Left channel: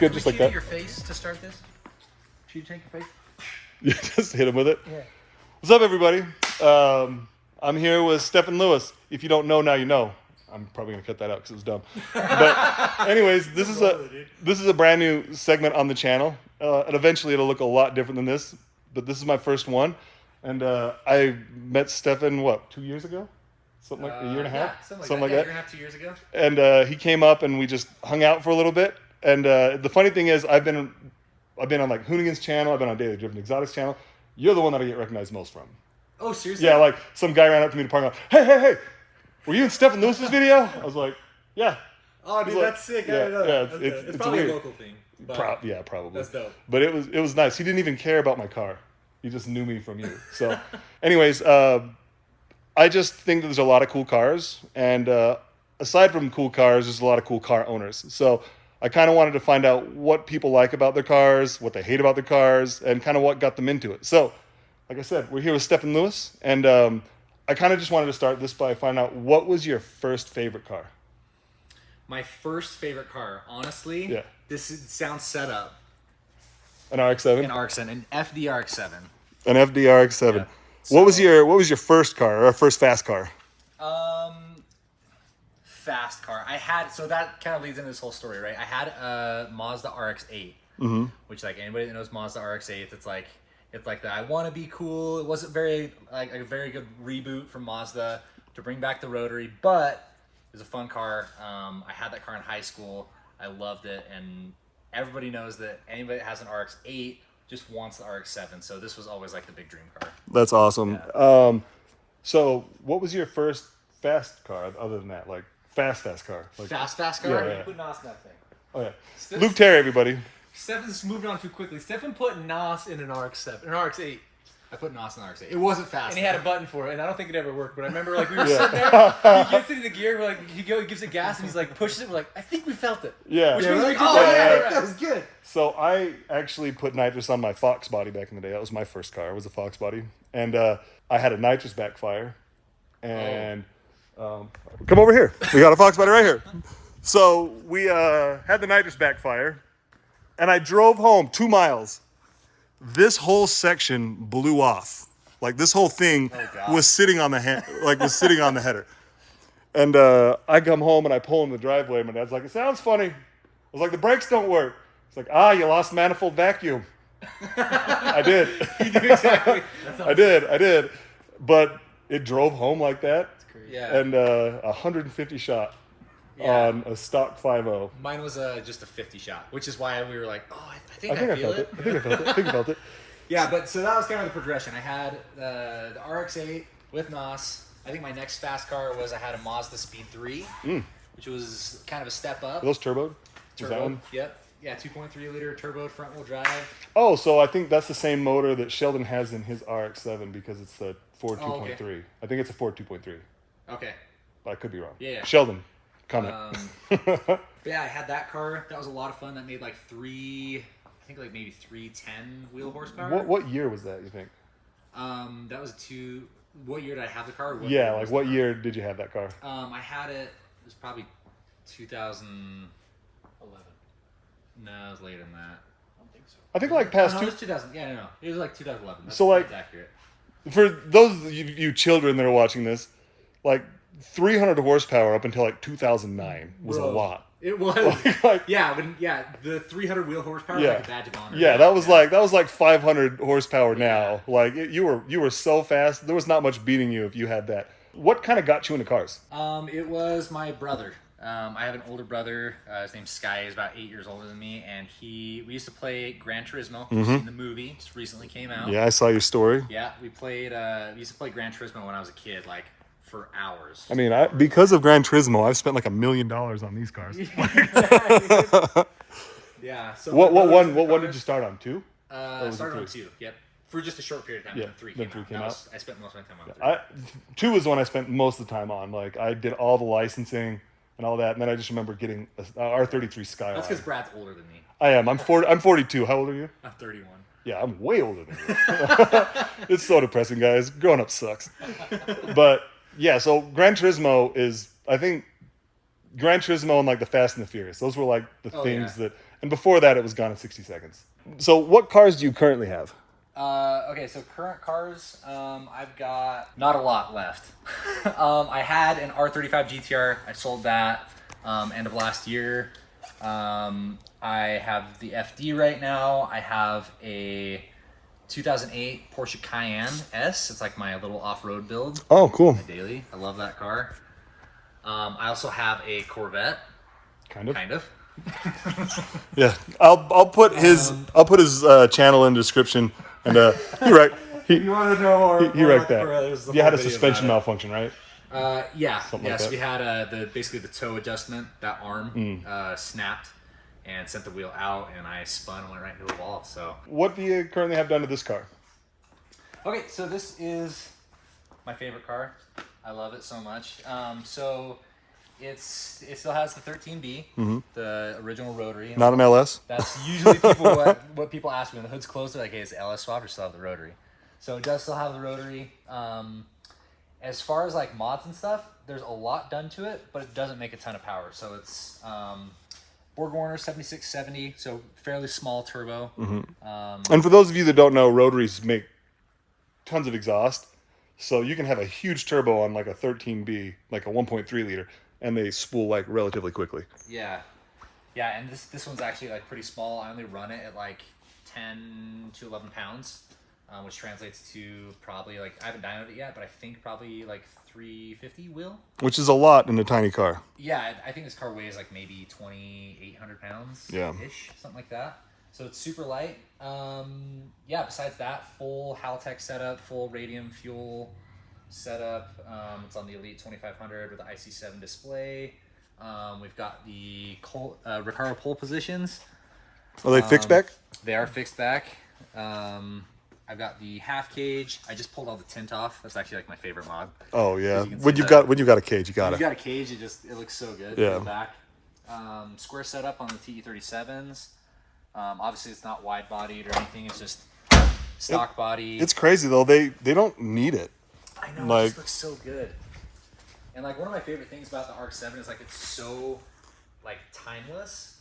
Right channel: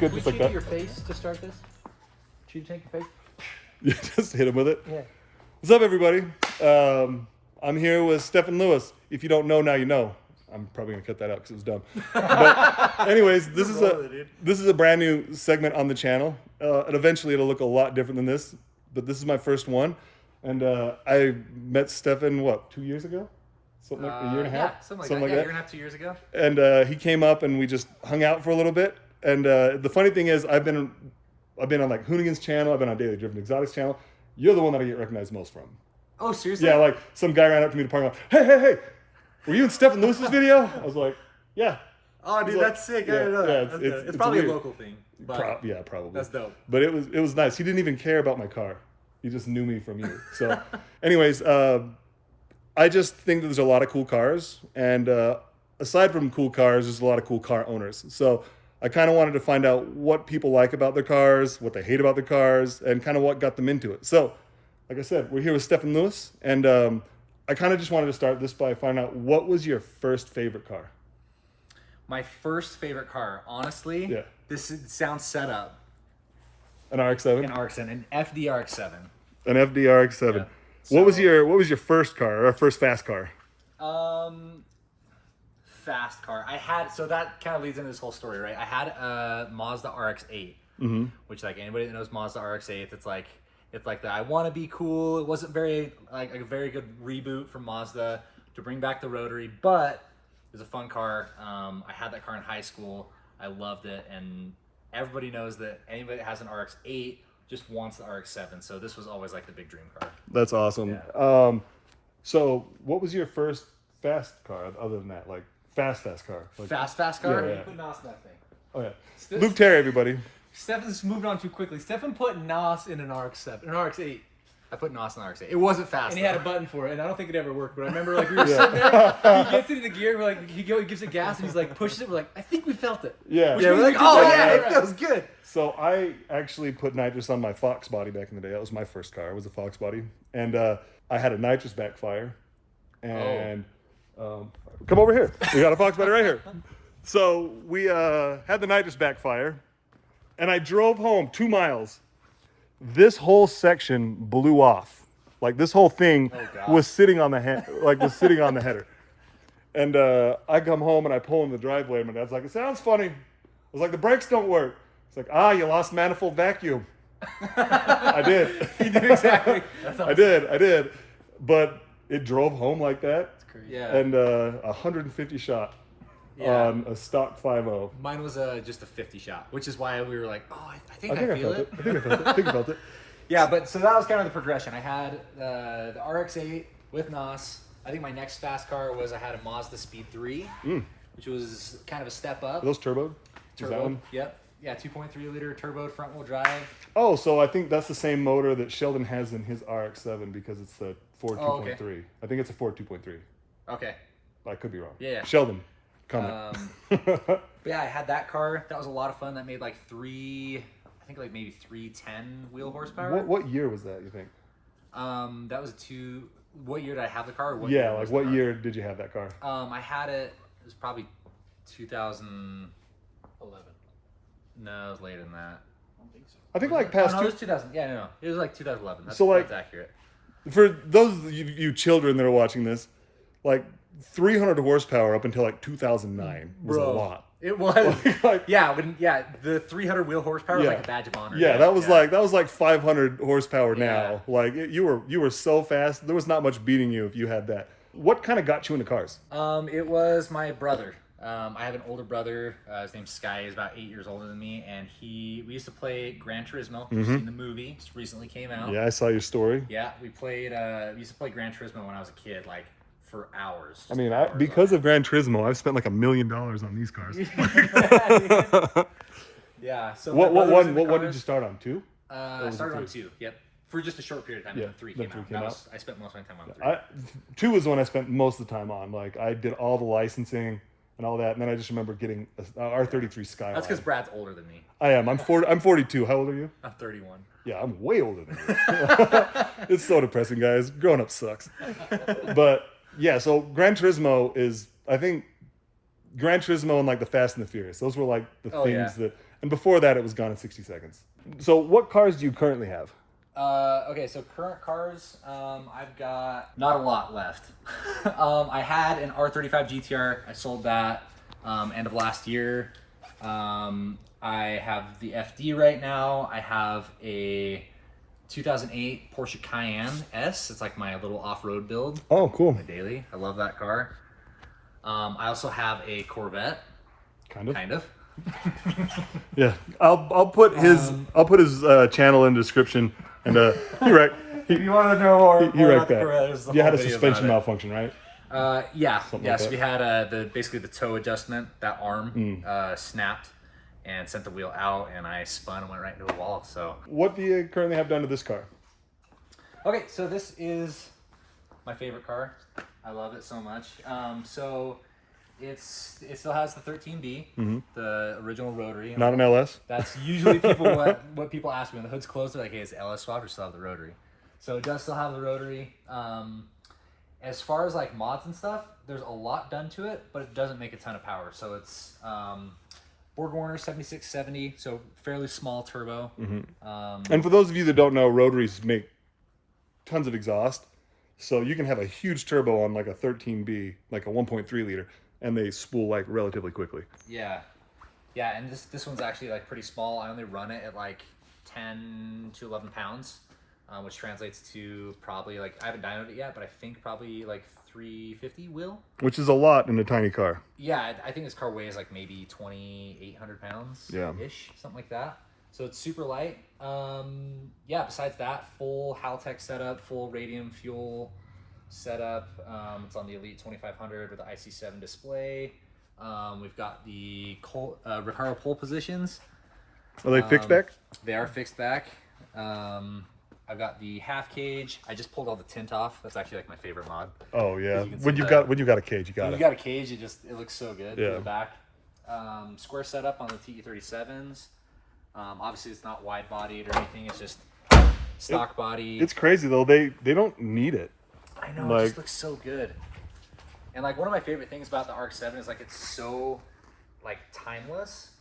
good, just like that. Your face to start this? Should you take your face? You just hit him with it? Yeah. What's up, everybody? I'm here with Stefan Lewis. If you don't know, now you know. I'm probably gonna cut that out because it was dumb. But anyways, this is a brand new segment on the channel, and eventually it'll look a lot different than this. But this is my first one, and I met Stefan 2 years ago, something like a year and a half, something like that. A year and a half, 2 years ago. And he came up and we just hung out for a little bit. And the funny thing is, I've been on like Hoonigan's channel, I've been on Daily Driven Exotics channel. You're the one that I get recognized most from. Oh, seriously? Yeah, like some guy ran up to me to park lot. Hey! Were you in Stefan Lewis's video? I was like, yeah. Oh, dude, that's sick. I didn't know that. It's probably a local thing. But yeah, probably. That's dope. But it was nice. He didn't even care about my car. He just knew me from you. So, anyways, I just think that there's a lot of cool cars, and aside from cool cars, there's a lot of cool car owners. So I kind of wanted to find out what people like about their cars, what they hate about their cars, and kind of what got them into it. So, like I said, we're here with Stefan Lewis, and I kind of just wanted to start this by finding out, what was your first favorite car? My first favorite car, honestly, Yeah. this sounds set up. An RX-7? An RX-7, an FD RX7. An FD RX-7. Yeah. What was your first car, or first fast car? Fast car. So that kind of leads into this whole story, right? I had a Mazda RX-8, which, like, anybody that knows Mazda RX-8, it's like the I want to be cool. It wasn't very a very good reboot from Mazda to bring back the rotary, but it was a fun car. I had that car in high school. I loved it, and everybody knows that anybody that has an RX-8 just wants the RX-7. So this was always like the big dream car. That's awesome. Yeah. So what was your first fast car other than that? Like fast car? Like, Fast car? Yeah. Put NOS in that thing. Oh yeah. Luke Terry, everybody. Stefan's moved on too quickly. Stefan put NOS in an RX-7, an RX-8. I put NOS in the RX-8. It wasn't fast. And he had a button for it, and I don't think it ever worked. But I remember, like, we were sitting there, he gets into the gear, we're like, he gives it gas, and he's like, pushes it, we're like, I think we felt it. Yeah. Which Yeah, means we're we like, did oh, that. yeah, Right. that was good. So I actually put nitrous on my Fox body back in the day. That was my first car. It was a Fox body. And I had a nitrous backfire. And come over here. We got a Fox body right here. So we had the nitrous backfire. And I drove home 2 miles. This whole section blew off. Like, this whole thing was sitting on the header. And I come home and I pull in the driveway. My dad's like, it sounds funny. I was like, the brakes don't work. It's like, you lost manifold vacuum. I did. You did exactly. I did. But it drove home like that. That's crazy. Yeah. And 150 shot on a stock 5.0. Mine was just a 50 shot, which is why we were like, oh, I think I I feel it. I think I felt it. Yeah, but so that was kind of the progression. I had the RX-8 with NOS. I think my next fast car was I had a Mazda Speed 3, which was kind of a step up. Are those turboed? Turbo. Yep. Yeah, 2.3 liter turboed front wheel drive. Oh, so I think that's the same motor that Sheldon has in his RX-7 because it's the Ford 2.3. Okay. I think it's a Ford 2.3. Okay. But I could be wrong. Yeah. Sheldon, comment. But yeah, I had that car. That was a lot of fun. That made like maybe 310 wheel horsepower. What year was that, you think? That was what year did I have the car? What year did you have that car? I had it was probably 2011. No, it was later than that. I don't think so. I think like past it was 2000. Yeah, no, it was like 2011. That's accurate. For those of you children that are watching this, like 300 horsepower up until like 2009 was a lot. It was. The 300 wheel horsepower was like a badge of honor. Yeah, that was like 500 horsepower now. Yeah. Like you were so fast. There was not much beating you if you had that. What kind of got you into cars? It was my brother. I have an older brother. His name's Sky. He's about 8 years older than me, and we used to play Gran Turismo. You've seen the movie. Just recently came out. Yeah, I saw your story. Yeah, we used to play Gran Turismo when I was a kid, like for hours. I mean, because of Gran Turismo, I've spent like $1 million on these cars. Yeah. So what one did you start on? 2? I started on 2. Yep. For just a short period of time. And then 3 came out. I spent most of my time on 3. 2 was the one I spent most of the time on. Like, I did all the licensing and all that, and then I just remember getting a R33 Skyline. That's because Brad's older than me. I am. I'm 42. How old are you? I'm 31. Yeah, I'm way older than you. It's so depressing, guys. Growing up sucks. But yeah, so Gran Turismo is, I think, Gran Turismo and like the Fast and the Furious. Those were like the things that And before that, it was gone in 60 seconds. So what cars do you currently have? Okay, so current cars, I've got not a lot left. I had an R35 GTR. I sold that end of last year. I have the FD right now. I have a 2008 Porsche Cayenne S. It's like my little off-road build. Oh, cool. My daily. I love that car. I also have a Corvette. Kind of. Yeah, I'll put his channel in the description. And you're right. You want to know more? You're right about the there. Corvette, there's a You whole had a video suspension about it. malfunction, right? Yeah. Something Yeah. like So that. we had basically the toe adjustment. That arm snapped and sent the wheel out, and I spun and went right into a wall. So What do you currently have done to this car? okay, so this is my favorite car. I love it so much. So it still has the 13B, the original rotary. Not an LS? That's usually what people ask me when the hood's closed. They're like, "Hey, is it LS swap or still have the rotary?" So it does still have the rotary. As far as like mods and stuff, there's a lot done to it, but it doesn't make a ton of power. So it's Borg-Warner 7670, so fairly small turbo. And for those of you that don't know, rotaries make tons of exhaust. So you can have a huge turbo on like a 13B, like a 1.3 liter, and they spool like relatively quickly. Yeah, and this one's actually like pretty small. I only run it at like 10 to 11 pounds, which translates to probably like, I haven't dynoed it yet, but I think probably like 350 wheel. Which is a lot in a tiny car. Yeah, I think this car weighs like maybe 2,800 pounds ish, something like that. So it's super light. Yeah, besides that, full Haltech setup, full radium fuel setup. It's on the Elite 2500 with the IC7 display. We've got the Recaro pole positions. Are they fixed back? They are fixed back. I've got the half cage. I just pulled all the tint off. That's actually like my favorite mod. Oh yeah. You can When see you've got a cage, you got When it. you got a cage, it looks so good. Yeah. In the back. Square setup on the TE37s. Obviously, it's not wide bodied or anything. It's just stock body. It's crazy though. They don't need it. I know, like- it just looks so good. And like one of my favorite things about the RX-7 is like it's so like timeless.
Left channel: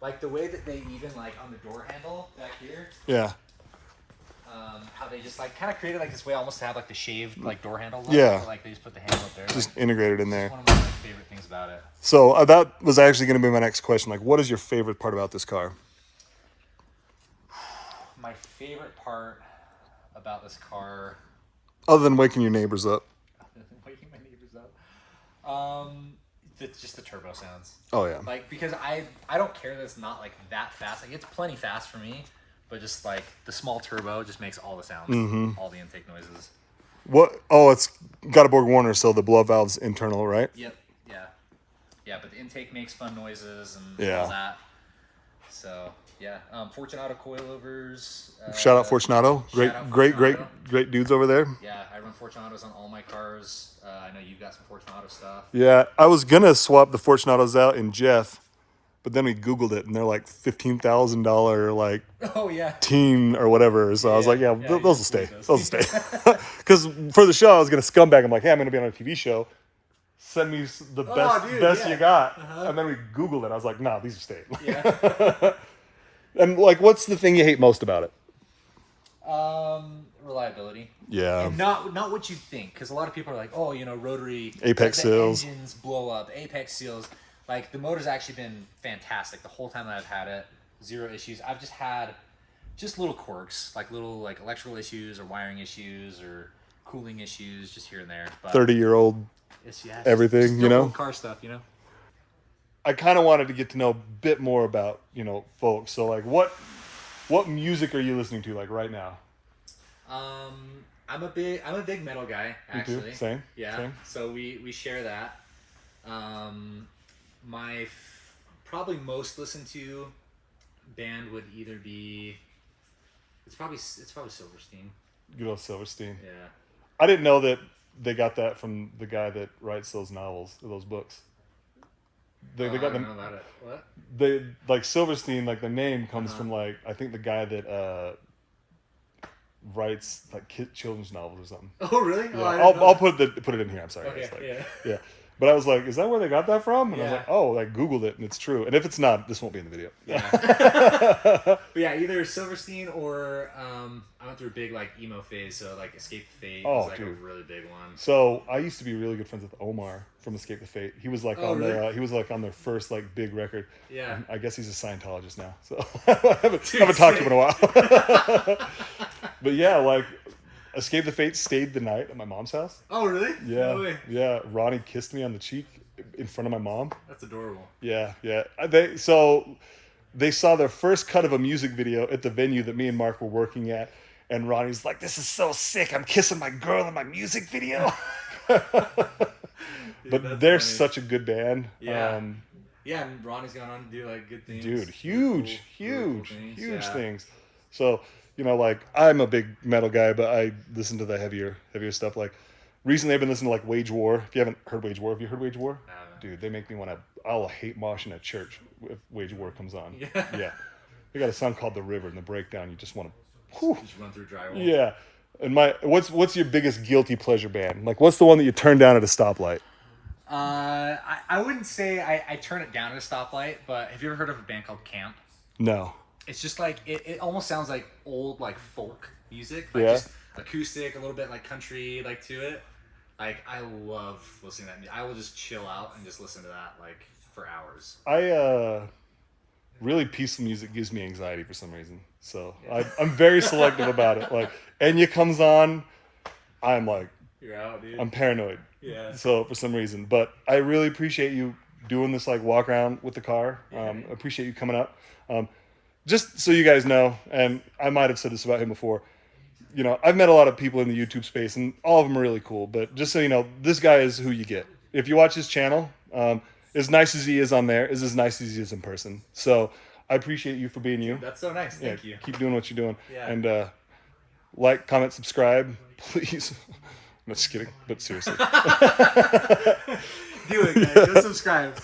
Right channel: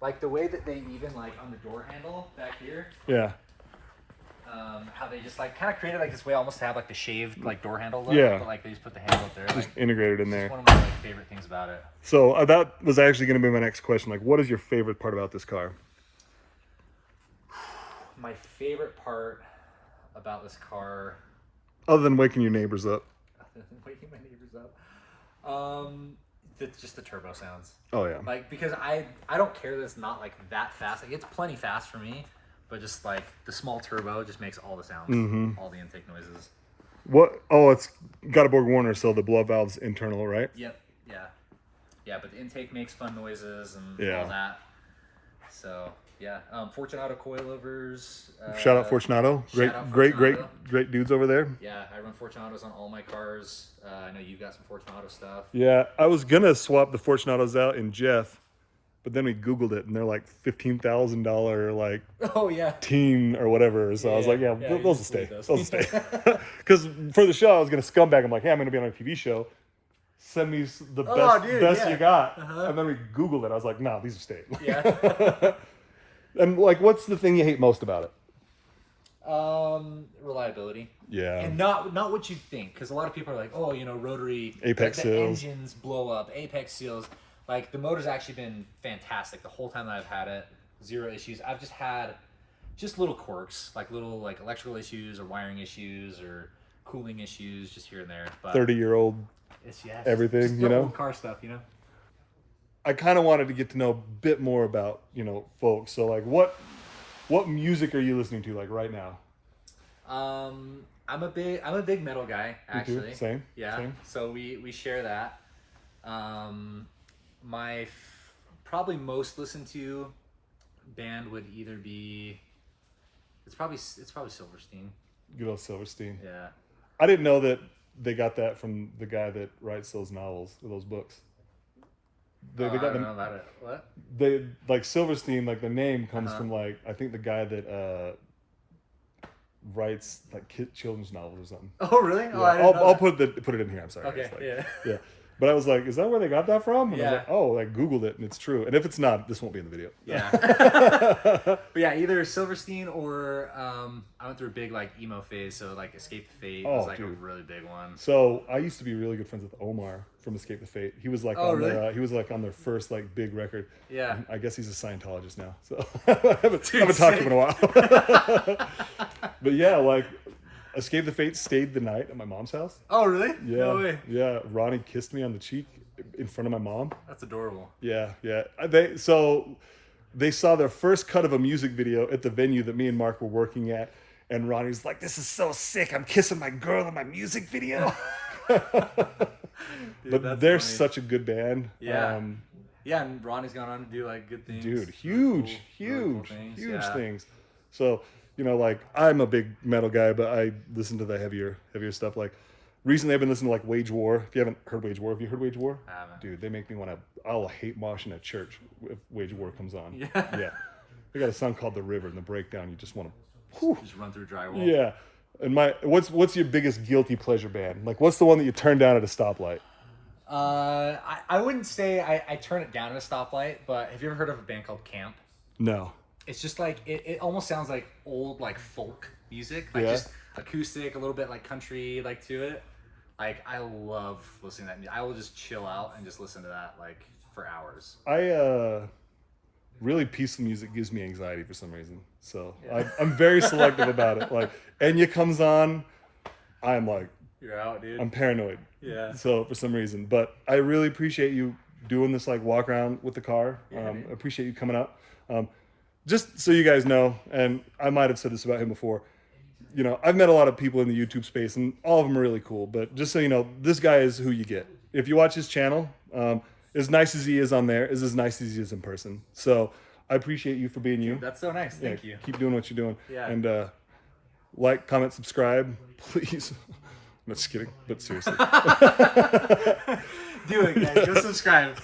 Like the way that they even like on the door handle back here, Yeah. how they just like kind of created like this way almost to have like the shaved like door handle look. Yeah. But, like they just put the handle up there. Just Like, integrated in it's there. one of my like favorite things about it. So that was actually going to be my next question. Like, what is your favorite part about this car? My favorite part about this car, Other than waking your neighbors up. waking my neighbors up, just the turbo sounds. Oh yeah. Like because I don't care that it's not like that fast. Like it's plenty fast for me, but just like the small turbo just makes all the sounds, all the intake noises. What? Oh, it's got a Borg-Warner, so the blow valve's internal, right? Yep. Yeah. But the intake makes fun noises and Yeah. all that. So yeah, Fortunato coilovers. Shout out Fortunato. shout out Great Fortunato. dudes over there. Yeah, I run Fortunatos on all my cars. I know you've got some Fortunato stuff. Yeah, I was gonna swap the Fortunatos out in Jeff, but then we Googled it and they're like $15,000 like Oh yeah. teen or whatever. So I was Yeah, like, yeah, yeah, those you will just stay. leave those. Those will stay. Because for the show, I was gonna scumbag. I'm like, hey, I'm gonna be on a TV show. Send me the best, dude, best yeah. you got. And then we Googled it. I was like, nah, these will stay. Yeah. And like, what's the thing you hate most about it? Reliability. Yeah. And not what you think, because a lot of people are like, oh, rotary Apex like, the seals. engines blow up, apex seals. Like the motor's actually been fantastic the whole time that I've had it. Zero issues. I've just had little quirks, like little like electrical issues or wiring issues or cooling issues, just here and there. But 30-year-old. it's just everything, real old car stuff, I kind of wanted to get to know a bit more about, folks. So like, what music are you listening to like right now? I'm a big metal guy, actually. Me too. Same. Yeah. Same. So we share that. My probably most listened to band would either be it's probably Silverstein. Good old Silverstein. Yeah. I didn't know that they got that from the guy that writes those novels, or those books. They I got don't know about it. What? They like Silverstein, like the name comes from like I think the guy that writes like children's novels or something. Oh really? Yeah. Oh, I didn't know I'll that. put it in here. I'm sorry. Okay. It's like- Yeah. yeah. But I was like, is that where they got that from? And I was Yeah. like, oh, I Googled it and it's true. And if it's not, this won't be in the video. Yeah. But yeah, either Silverstein or I went through a big like emo phase, so like Escape the Fate was like dude. a really big one. So I used to be really good friends with Omar from Escape the Fate. He was like on really? their he was like on their first like big record. Yeah. I guess he's a Scientologist now. So I haven't talked to him in a while. But yeah, like Escape the Fate stayed the night at my mom's house. Oh really? Yeah. No way. Yeah. Ronnie kissed me on the cheek in front of my mom. That's adorable. Yeah, yeah. They saw their first cut of a music video at the venue that me and Mark were working at, and Ronnie's like, "This is so sick! I'm kissing my girl in my music video." Dude, But they're funny. such a good band. Yeah. Yeah, and Ronnie's gone on to do like good things. Dude, Really huge, cool- really cool huge, things. huge Yeah. things. So like I'm a big metal guy, but I listen to the heavier stuff. Like recently, I've been listening to like Wage War. If you haven't heard Wage War, have you heard Wage War? I haven't. Dude, they make me want to. I'll hate mosh in a church if Wage War comes on. Yeah. Yeah. They got a song called The River, and the breakdown, you just want to. Just run through drywall. Yeah. And what's your biggest guilty pleasure band? Like, what's the one that you turn down at a stoplight? I wouldn't say I turn it down at a stoplight, but have you ever heard of a band called Camp? No. It's just like it almost sounds like old like folk music, like Yeah. just acoustic, a little bit like country, like to it. Like I love listening to that music. I will just chill out and just listen to that like for hours. Really peaceful music gives me anxiety for some reason. So Yeah. I'm very selective about it. Like Enya comes on, I'm like, You're out, dude. I'm paranoid. Yeah. So for some reason, but I really appreciate you doing this like walk around with the car. Yeah, man. I appreciate you coming up. Just so you guys know, and I might have said this about him before, I've met a lot of people in the YouTube space and all of them are really cool, but just so you know, this guy is who you get. If you watch his channel, as nice as he is on there is as nice as he is in person. So I appreciate you for being you. That's so nice. Yeah, Thank you. Keep doing what you're doing. Yeah. And like, comment, subscribe, please. I'm just kidding, but seriously. Do it, guys. Go subscribe.